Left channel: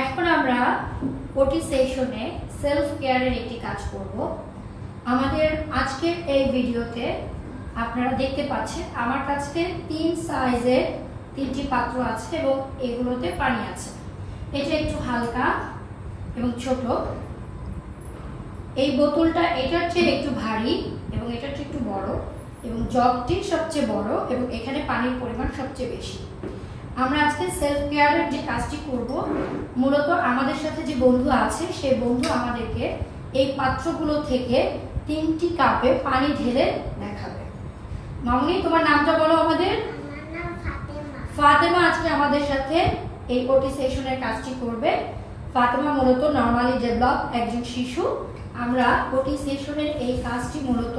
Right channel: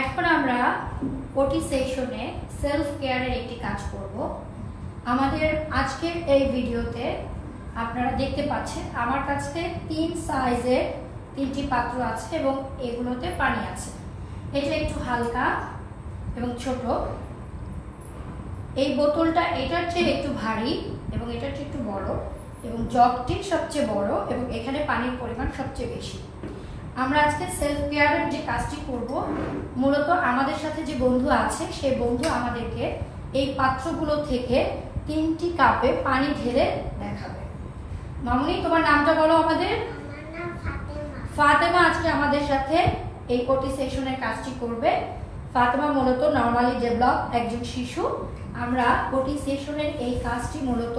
এখন আমরা ওটি সেশনে সেলফ কেয়ারের একটি কাজ করব। আমাদের আজকের এই ভিডিওতে আপনারা দেখতে পাচ্ছেন আমার কাছে 3 সাইজের 3টি পাত্র আছে এবং এগুলোতে পানি আছে। এটা একটু হালকা এবং ছোট। এই বোতলটা এটার চেয়ে একটু ভারী এবং এটার চেয়ে একটু বড় এবং জগটি সবচেয়ে বড় এবং এখানে পানির পরিমাণ সবচেয়ে বেশি। আমরা আজকে সেলফ কেয়ারের যে কাজটি করব, মূলত আমাদের সাথে যে বন্ধু আছে সেই বন্ধু আমাদেরকে এই পাত্রগুলো থেকে 3টি কাপে পানি ঢেলে দেখাবে। মামুনি, তোমার নামটা বলো আমাদের। আমার নাম ফাতেমা। ফাতেমা আজকে আমাদের সাথে এই ওটি সেশনের কাজটি করবে। ফাতেমা মূলত নরমালি ডেভেলপ একজন শিশু। আমরা ওটি সেশনের এই কাজটি মূলত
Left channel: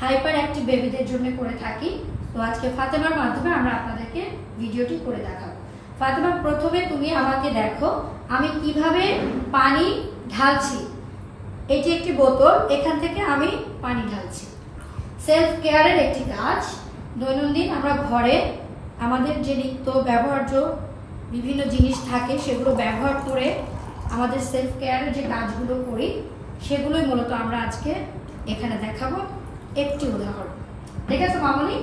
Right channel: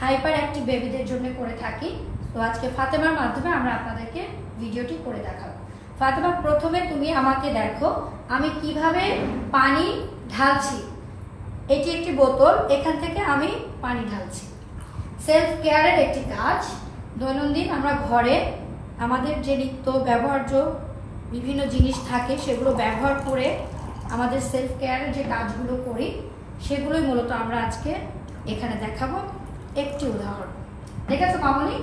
হাইপার অ্যাক্টিভ বেবিদের জন্য করে থাকি। তো আজকে ফাতেমার মাধ্যমে আমরা আপনাদেরকে ভিডিওটি করে দেখাবো। ফাতেমা, প্রথমে তুমি আমাকে দেখো আমি কিভাবে পানি ঢালছি। এটি একটি বোতল, এখান থেকে আমি পানি ঢালছি। সেলফ কেয়ারের একটি কাজ। দৈনন্দিন আমরা ঘরে আমাদের যে নিত্য ব্যবহার্য বিভিন্ন জিনিস থাকে সেগুলো ব্যবহার করে আমাদের সেলফ কেয়ারের যে কাজগুলো করি সেগুলোই মূলত আমরা আজকে এখানে দেখাবো একটি উদাহরণ। ঠিক আছে মামনি,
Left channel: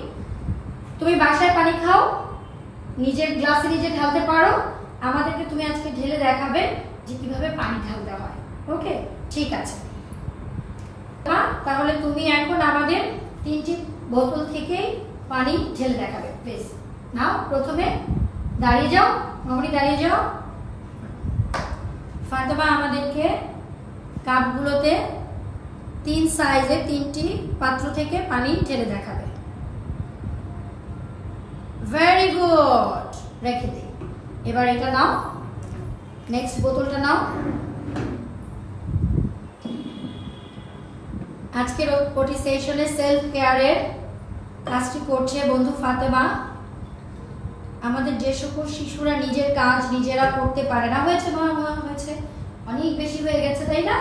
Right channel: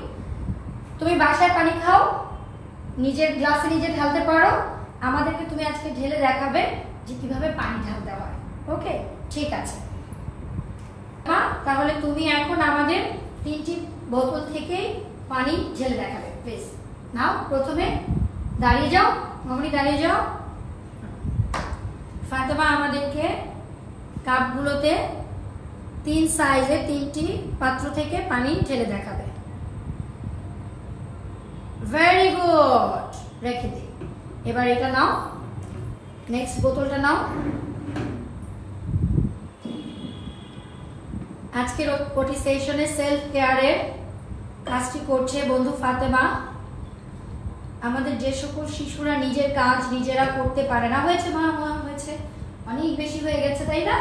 তুমি বাসায় পানি খাও, নিজের গ্লাসে নিজে ঢালতে পারো, আমাদেরকে তুমি আজকে ঢেলে দেখাবে যে কিভাবে পানি ঢালতে হয়। ওকে, ঠিক আছে। তাহলে তুমি এখন আমাদের 3টি বোতল থেকে পানি ঢেলে দেখাবে। প্লিজ নাও, প্রথমে দাঁড়িয়ে যাও মামনি, দাঁড়িয়ে যাও। ফাতেমা আমাদেরকে কাপগুলোতে 3 সাইজের 3টি পাত্র থেকে পানি ঢেলে দেখাবে। ভেরি গুড, রেখে দিই। এবার এটা নাও, নেক্সট বোতলটা নাও। আজকের ওটি সেশনে সেলফ কেয়ারের কাজটি করছে বন্ধু ফাতেমা। আমাদের যে সকল শিশুরা নিজের কাজ নিজেরা করতে পারে না, হয়েছে মা, হয়েছে, অনেক বেশি হয়ে গেছে তাই না?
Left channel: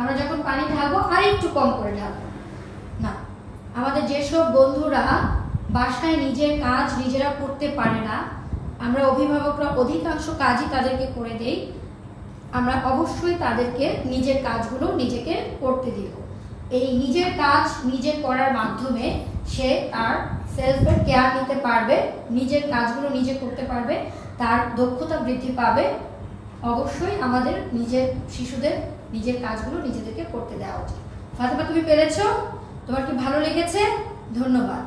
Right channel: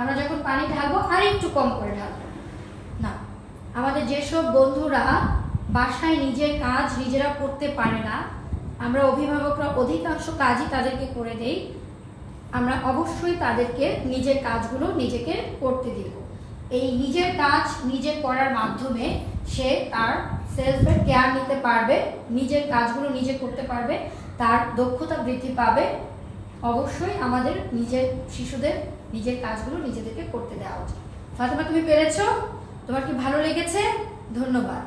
আমরা যখন পানি ঢালবো আর একটু কম করে ঢালবো না। আমাদের যেসব বন্ধুরা বাসায় নিজের কাজ নিজেরা করতে পারে না, আমরা অভিভাবকরা অধিকাংশ কাজই তাদেরকে করে দেই। আমরা অবশ্যই তাদেরকে নিজের কাজগুলো নিজেকে করতে দিব। এই নিজের কাজ নিজে করার মাধ্যমে সে তার সেলফ কেয়ার নিতে পারবে, নিজের কাজগুলো নিজে করতে পারবে, তার দক্ষতা বৃদ্ধি পাবে। অবশ্যই আমাদের নিজের শিশুদের নিজের কাজগুলো নিজেদেরকে করতে দেওয়া উচিত। ফাতেমা, তুমি পেরেছো? তোমার কি ভালো লেগেছে? ধন্যবাদ।